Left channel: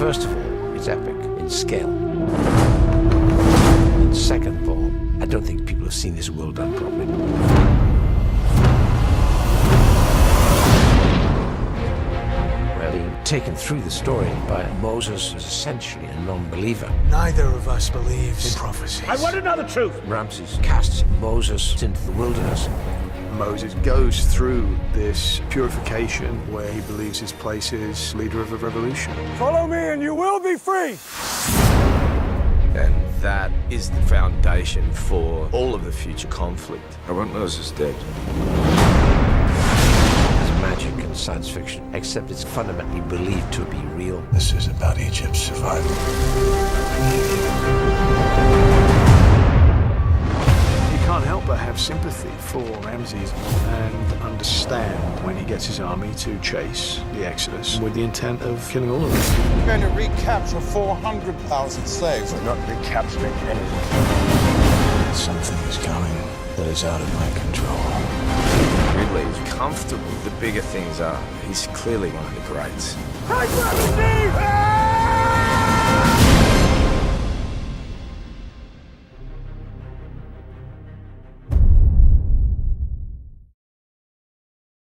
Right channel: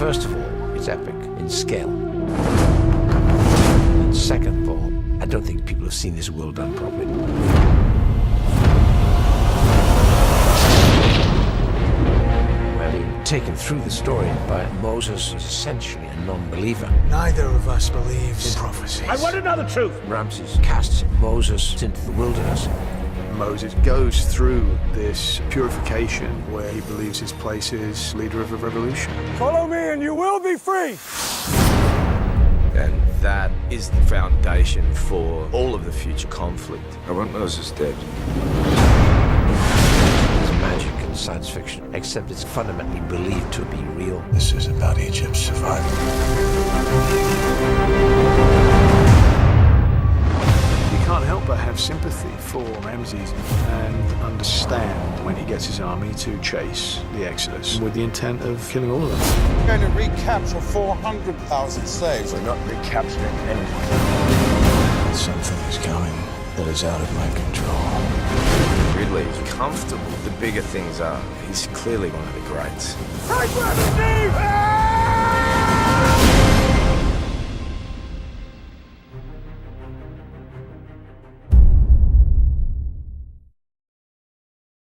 First of all, it's epic in scale. And second of all, I don't think people have seen this world done properly. We're being taken through the story by Moses, who's essentially a non-believer. Neither of us believes in prophecies. I want to know the truth. Ramses casts Moses into the wilderness. Moses goes through this purification where he believes his place is leader of a revolution. Follow me and you will be free. And that is the foundation for all of the future conflict. I want Moses dead. There's magic in science fiction, except it's fundamentally believed to be real. This is about Egypt's survival. You can't help but have sympathy for Ramses and understand when he gets his army to chase the Exodus with the intent of killing all of them. We're going to recapture 400,000 slaves. We're not recapturing anyone. Something is coming that is out of my control. Ridley is comfortable. The bigger things are. He's clearly one of the greats. Take gravity!